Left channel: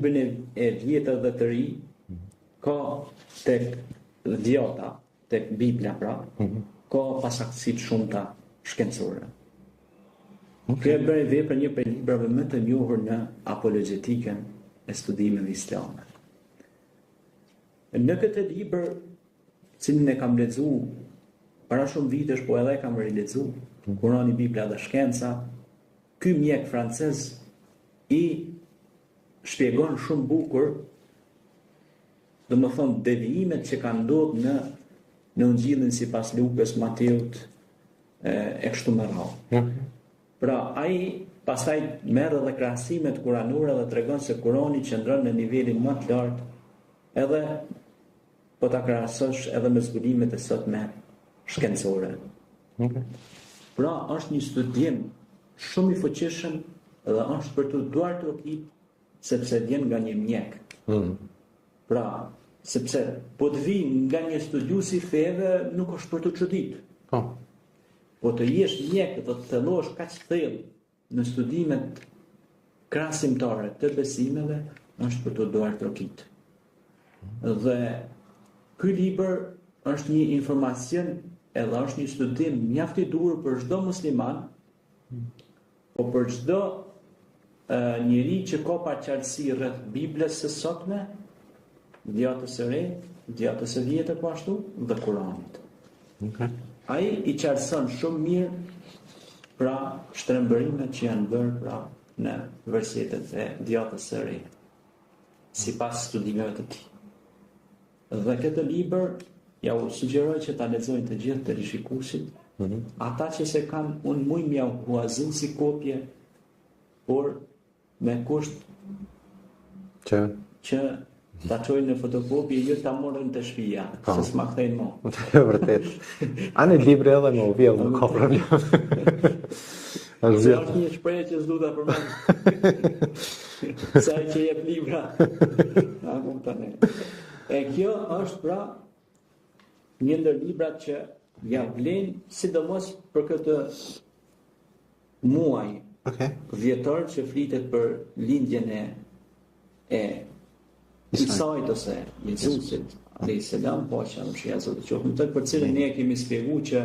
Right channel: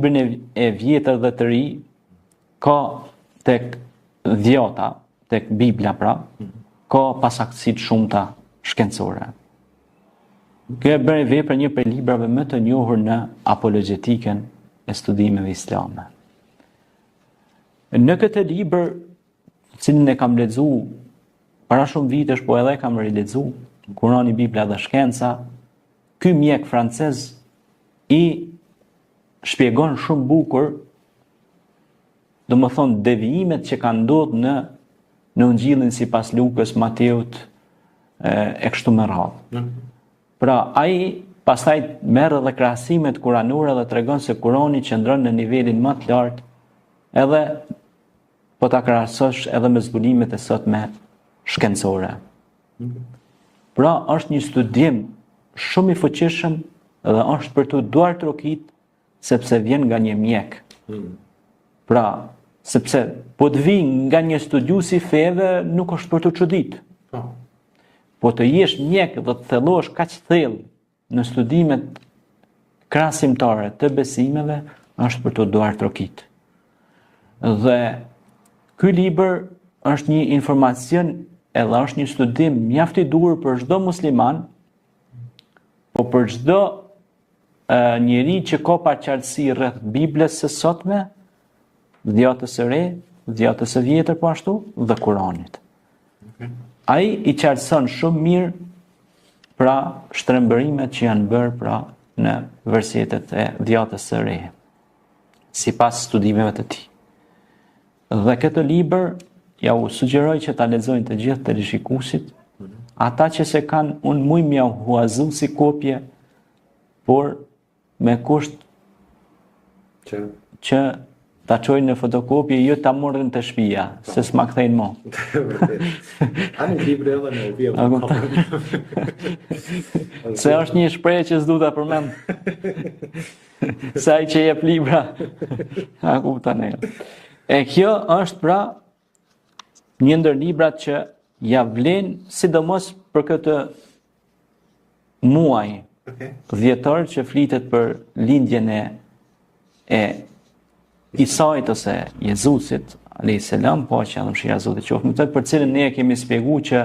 librin e vjetër dhe të ri, ka tek dhjota, tek Bibla pra, ka pasaktësi shumëta shkencore. Kjo e bëre vepër një prej librave më të njohur në apologjetikën e studimeve islame. Në këtë libër, cilin e kam lexuar para shumë vitesh, po edhe kam rilexuar, Kurani, Bibla dhe shkenca, ky mjek francez i shpjegon shumë bukur, domethënë devijimet që kanë ndodhur në Ungjillin sipas Lukës, Mateut e kështu me radhë. Pra, ai pastaj merr edhe krahasimet kuranore dhe tregon se Kurani qëndron në nivelin më të lartë, edhe po ta krahasosh edhe me zbulimet e sotme shkencore. Pra, është një studim shumë i fuqishëm dhe është për të duar trokit sepse vjen nga një mjek. Pra, sepse po të vi nga një studiues i feve nuk është për të çudit. Po të jesh mjek dhe të thellosh kaq thellë në studimet krahasimtare të besimeve është për të duar trokit. Dhe ky libër është një informacion edhe është një studim mjaft i duhur për çdo musliman, po për çdo njeri që ka paraqartësi rreth Biblës së sotme, dhjatës së re, dhjatës së vjetër po ashtu dhe Kuranit. Ai i qartëson shumë mirë pra shtrembërimet që janë bërë pra në versetet e dhjatës së re, sipas studimeve të tij. Dhe këtë libër ja u sugjeroj që ta lexojnë të gjithë teleshikuesit, ata që se kanë, unë muj mja huazu si kopje, por me kusht që ta çojnë në fotokopje, jo ta morrin të shtëpia, se s'ma kthejnë mo. Vërtet. Ani libri edhe me vjen nuk ka problem. Se është një shprehje që s'du ta përmend. Se ai që jep libra. A kupton ne. E kjo është pra një ndër librat që ja vlen sidomos për këtë muaj dhjetor që flitet për lindjen e Isait ose Jezusit alayhis salam, po që edhe mëshira e Zotit qoftë me të, për cilën ne kemi shpjeguar që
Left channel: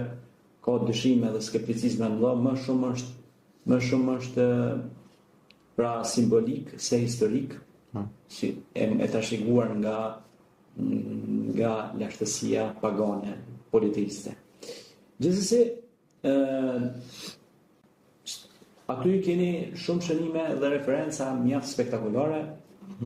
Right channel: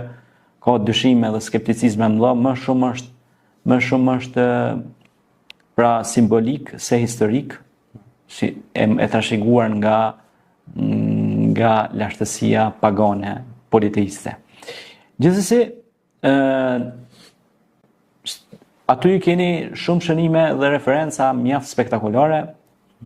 ka dyshime dhe skepticizme më më shumë është pra simbolik se historik, si e trashëguar nga lashtësia pagane politeiste. Gjithsesi, aty keni shumë shënime dhe referenca mjaft spektakolare